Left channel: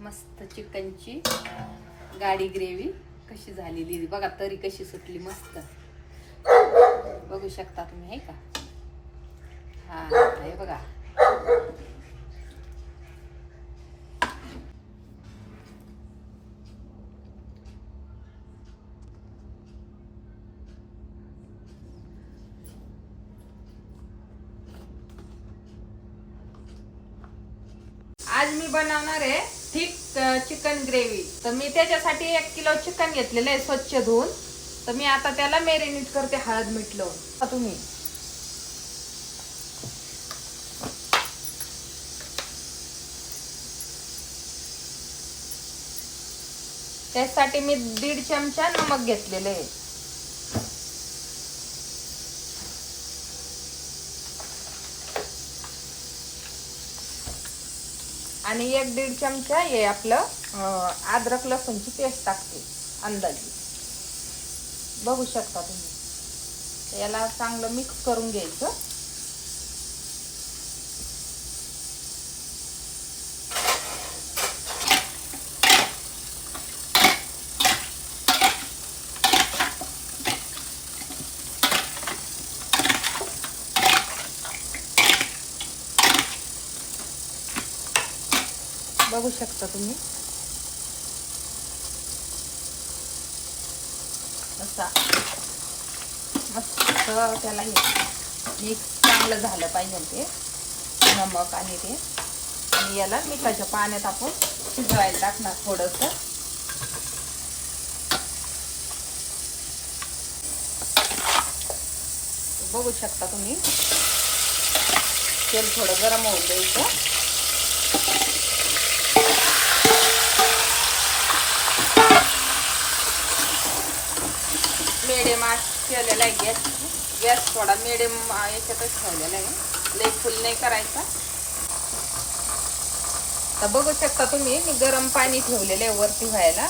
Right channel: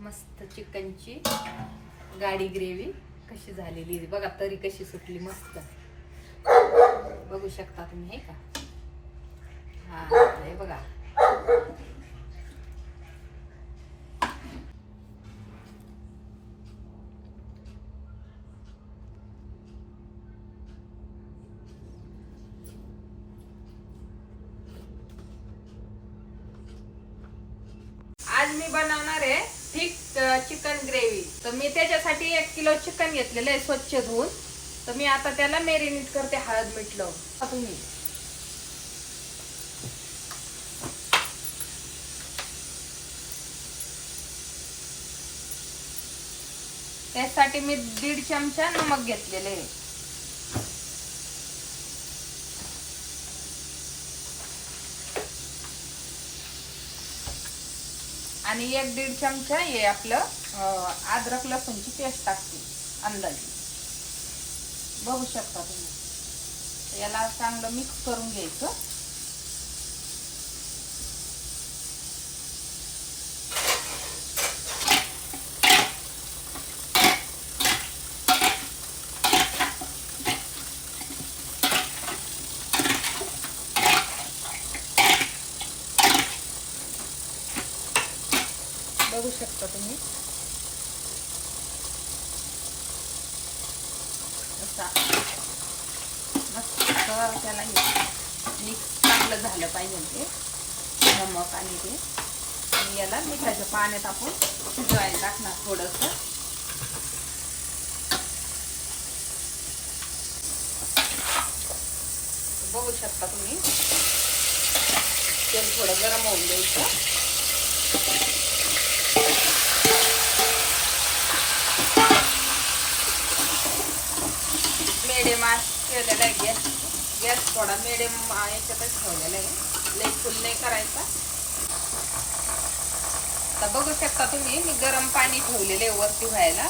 मस्त चिकनची गाडी ग्रेव्ही कशी झालेली बघा, तरी कशी सुटली मस्त, बघू शकता तुम्ही हे का. हा हे बघा. आज मी बनवणार आहे थिक चिकन ग्रेव्ही. तर मी त्याच्यासाठी 1 किलो चिकन घेतलेलं आहे स्वच्छ धुवून. तर मी आता त्याला मॅरिनेट करते हळद मीठ लावून. तुम्ही त्यासाठी मी 1.5 चमचा नमक घेतलेले आहे. आणि 1-1.5 चमचा हे आपलं अद्रक लसूणची पेस्ट टाकते अंदाजे, बघू शकता तुम्ही. याला चांगलं मिक्स करून घ्यायचं. बघू शकता तुम्ही असा मस्त त्याला मिक्स चांगलं झालं पाहिजे ते नमक आणि ते. आणि याला मिठाच्या पाण्यात आपण शिजवायला टाकणार थोडंसं. बघू शकता तुम्ही तेल थोडं गरम होऊन द्यायचं. मिडियम केलेला आहे गॅस थोडा मिडियम याच्यातच ठेवलेला आहे, लई फुल नाही करायचा. तर बघू शकता तुम्ही मी गरम पाणी ठेवलेलं आहे वरती व्हायला.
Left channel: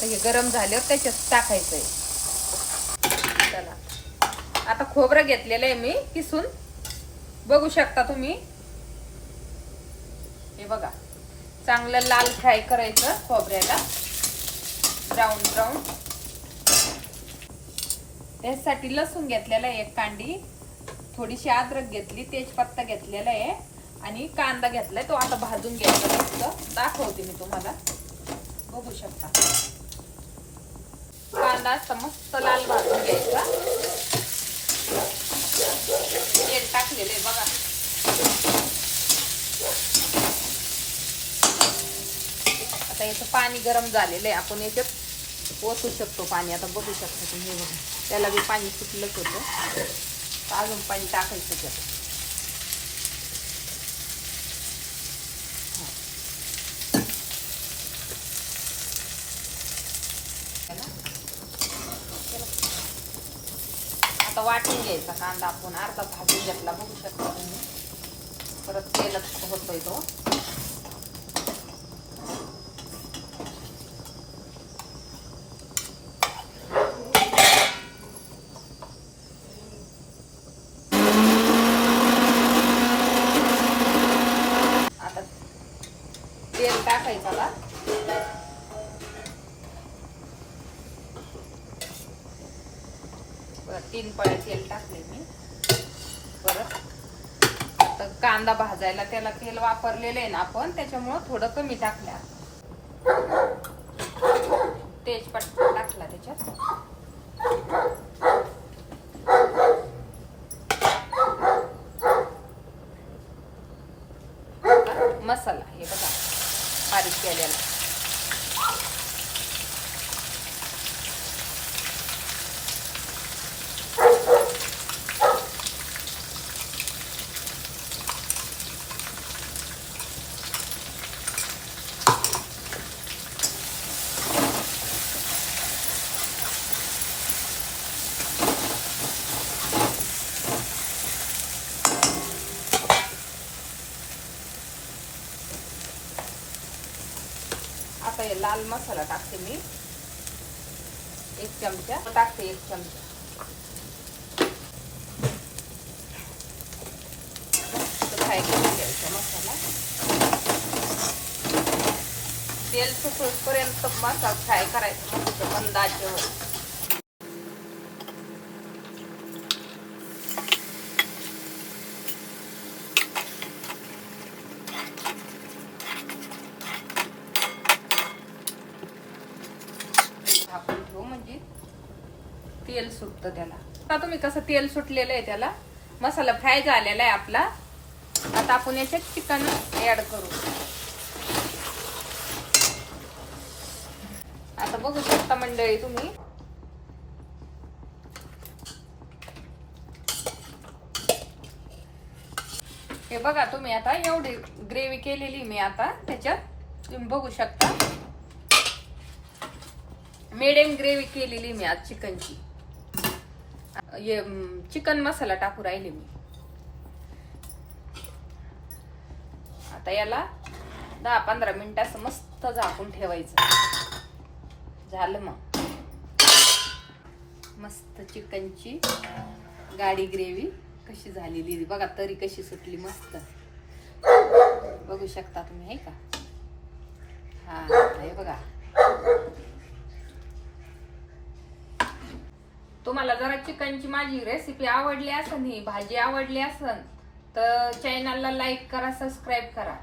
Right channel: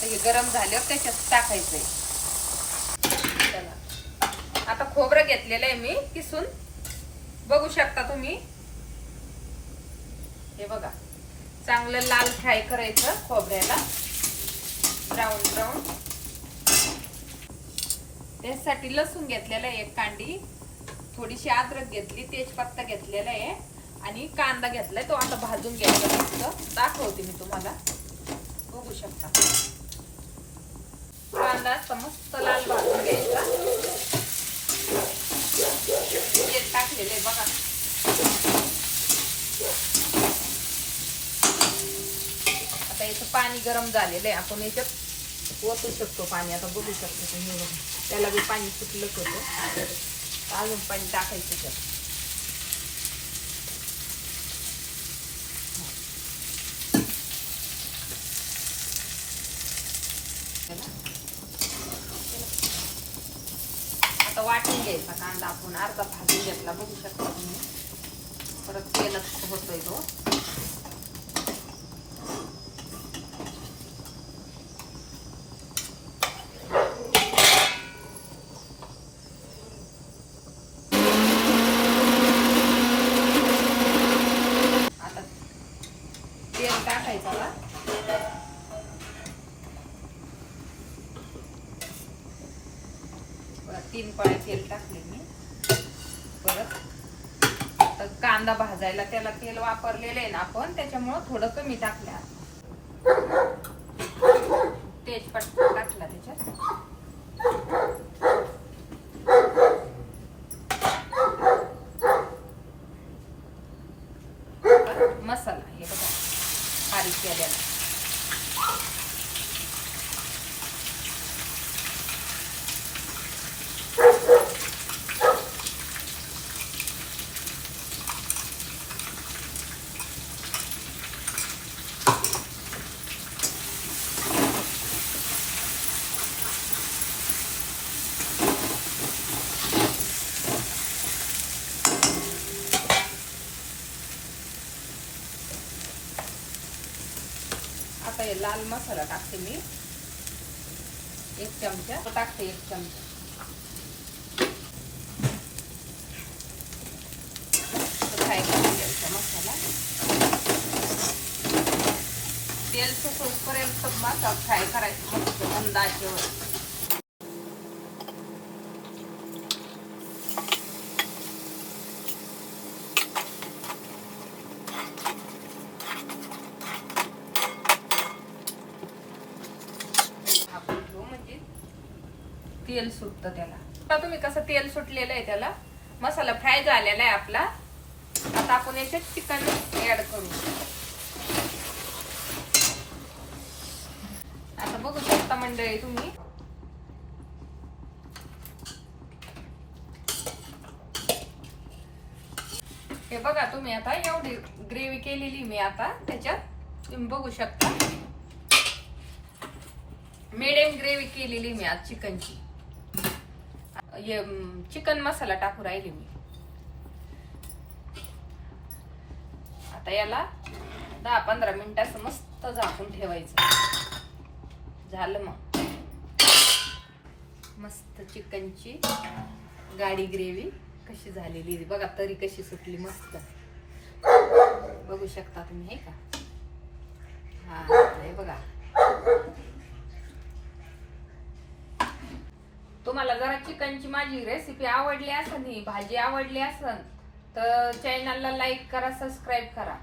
तर हे गरम झाल्यावर त्याच्यात टाकायचं आहे. चला आता खोबरं घेतलेलं आहे मी किसून, बघू शकता तुम्ही. हे बघा चांगलं लाल फ्राय करायचं खोबऱ्याला, ब्राऊन ब्राऊन. त्यासाठी लसूण घेतलेला आहे 1 कांडी, थोडीशी अद्रक घेतली, तेजपत्ता घेतलेला आहे आणि कांदा घेतलाय. तो आता भाजून घ्यायचा, दाखवते मी तुम्हाला. बघू शकता कांदा असा मस्त लाल भाजून घ्यायचा. तेल टाकलेलं आहे बघा. आता याचं पाणी गरम झालेलं आहे, आपण याच्यात ओतू शकतो पाणी. आता बघू शकतो तुम्ही, त्याला बी पाणी सुटलंच होतं, अजून पाणी टाकायचं त्याचं. आता वाटून घ्यायचा कांदा आपण अर्धा भाजून घेतला, बघू शकता तुम्ही. परत तेलात होतोय तो. तेल टाकायचं का 3 पळ्या तेल टाकले मी. परत कांदा भाजायला त्याला तेल वापरलेलं आहे ना आपण, त्याच्यामुळं थोडं कमी टाकल्या. तेजपत्ता टाकला त्याच्यात. मसाला हे बघा बारीक केलेला. आता हे लाल मसाला टाकते मी 1 चमचा, टाकते 1 चमचा. फ्राय करून घ्यायचा मसाला. तेल सुटपर्यंत मसाला फ्राय करायचा मस्त मंद आचेवर. आपण घेऊ म्हणजे तेल सुटतं त्याला. आता तुम्ही कसं तेल सुटलेलं आहे त्याला, मसाला फ्राय झालेला आहे आपला. आता आपण याचे चिकन ऍड करू. आता बघू शकता मंडळी तुम्ही, हे बघा तुम्ही आता एवढी ग्रेव्ही केलेली मी आता त्याच्यात तुम्ही बघू शकता. मिडियम ग्रेव्ही केलेली मी आज चिकनची. चिकन मसाला टाकू राहिली मी. आता याला 10-15 मिनिटाचं मस्त झाकून ठेवायचं. झालं मग मस्त चिकनची गाढी ग्रेव्ही कशी झालेली बघा, तरी कशी सुटली मस्त बघू शकता तुम्ही, हे का. हा हे बघा. तुम्हाला जरा चिकनची माझी रेसिपी आवडली असेल, ही भाजी आवडली असेल तर चॅनलला लाईक करा, सबस्क्राईब करा.